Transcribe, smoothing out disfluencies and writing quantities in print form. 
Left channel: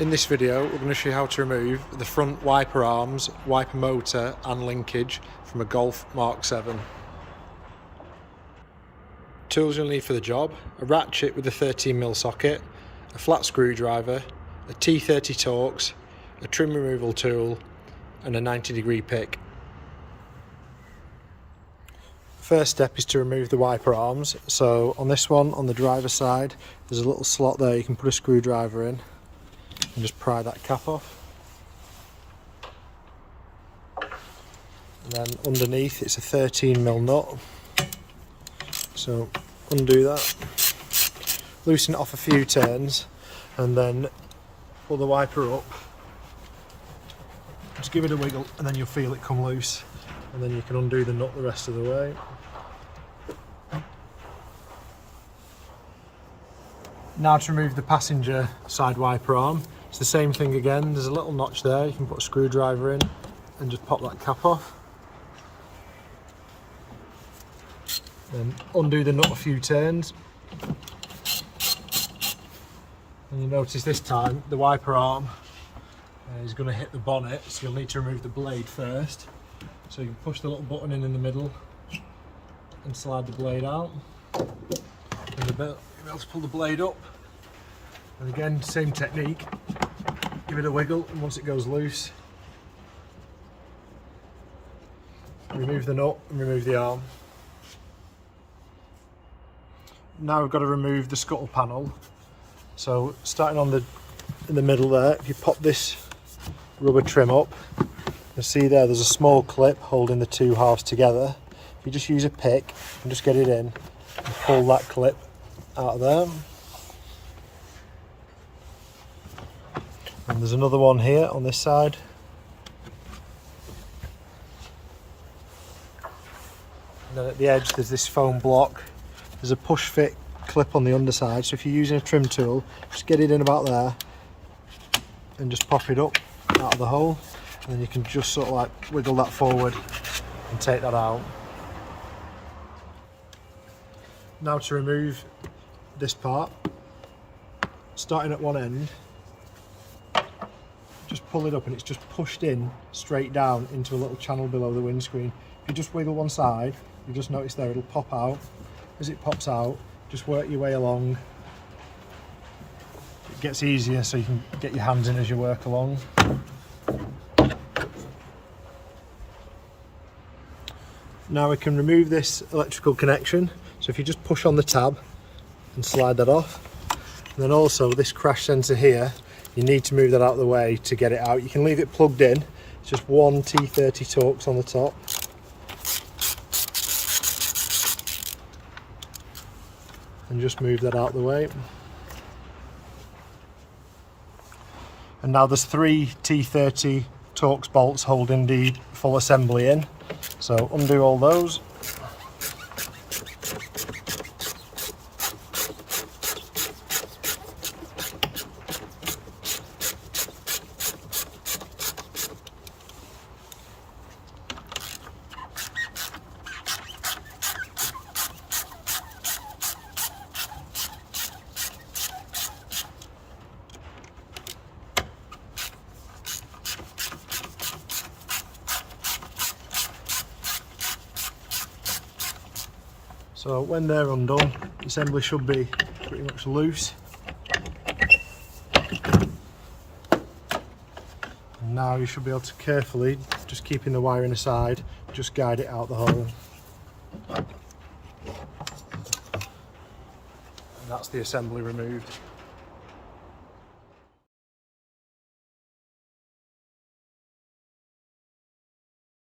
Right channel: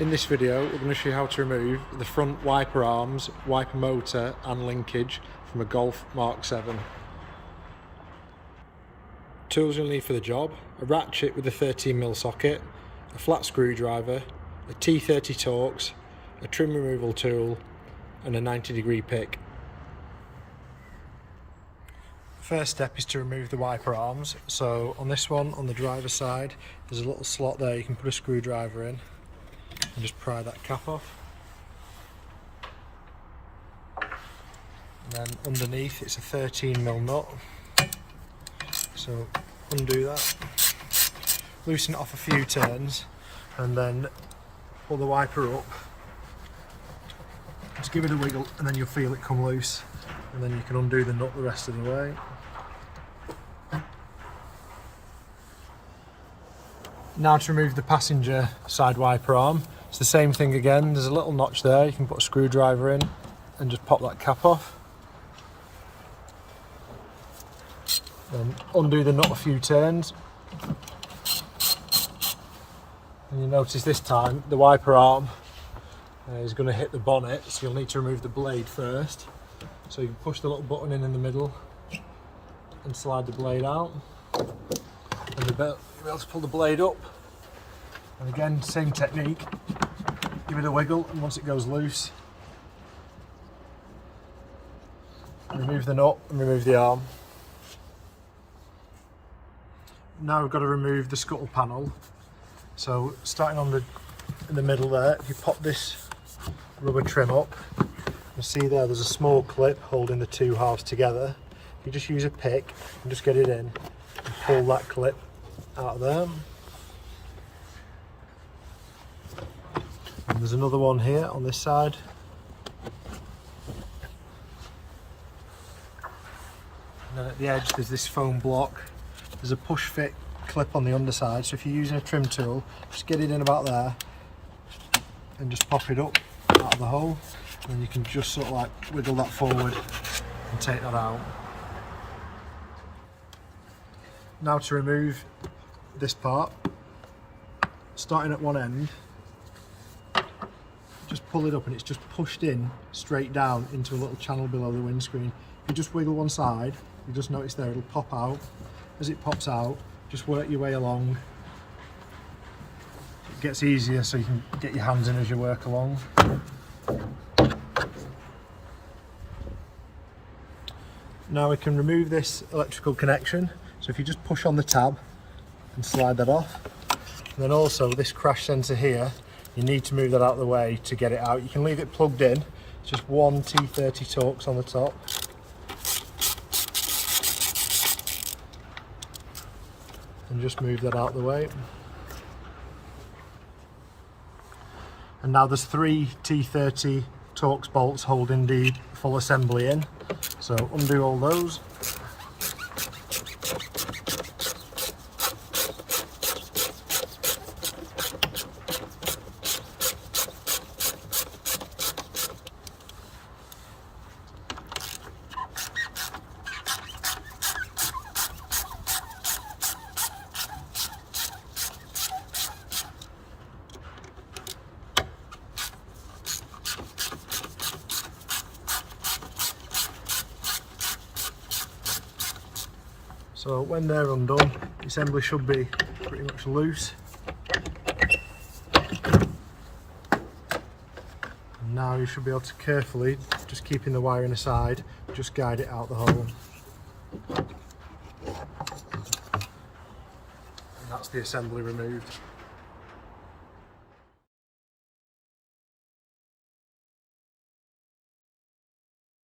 In this video we're going to show you how to remove the front wiper arms, wiper motor and linkage from a Golf Mk7. Tools you'll need for the job: a ratchet with a 13mm socket, a flat screwdriver, a T30 Torx, a trim removal tool and a 90-degree pick. First step is to remove the wiper arms. So on this one, on the driver's side, there's a little slot there you can put a screwdriver in and just pry that cap off. And then underneath it's a 13mm nut. So undo that, loosen it off a few turns and then pull the wiper up. Just give it a wiggle and then you'll feel it come loose, and then you can undo the nut the rest of the way. Now to remove the passenger side wiper arm, it's the same thing again. There's a little notch there, you can put a screwdriver in and just pop that cap off. And undo the nut a few turns. And you'll notice this time the wiper arm is going to hit the bonnet, so you'll need to remove the blade first. So you can push the little button in the middle and slide the blade out. And you'll be able to pull the blade up. And again, same technique. Give it a wiggle, and once it goes loose, remove the nut and remove the arm. Now we've got to remove the scuttle panel. So starting in the middle there, if you pop this rubber trim up, you'll see there's a small clip holding the two halves together. If you just use a pick and just get it in and pull that clip out of there. And there's another one here on this side. And then at the edge there's this foam block. There's a push fit clip on the underside, so if you're using a trim tool, just get it in about there and just pop it up out of the hole, and then you can just sort of like wiggle that forward and take that out. Now to remove this part, starting at one end, just pull it up and it's just pushed in straight down into a little channel below the windscreen. If you just wiggle one side, you just notice there it'll pop out. As it pops out, just work your way along. It gets easier so you can get your hands in as you work along. Now we can remove this electrical connection. So if you just push on the tab and slide that off. And then also this crash sensor here, you need to move that out of the way to get it out. You can leave it plugged in. It's just one T30 Torx on the top. And just move that out of the way. And now there's three T30 Torx bolts holding the full assembly in. So undo all those. So when they're undone, the assembly should be pretty much loose. And now you should be able to carefully, just keeping the wiring aside, just guide it out the hole. And that's the assembly removed.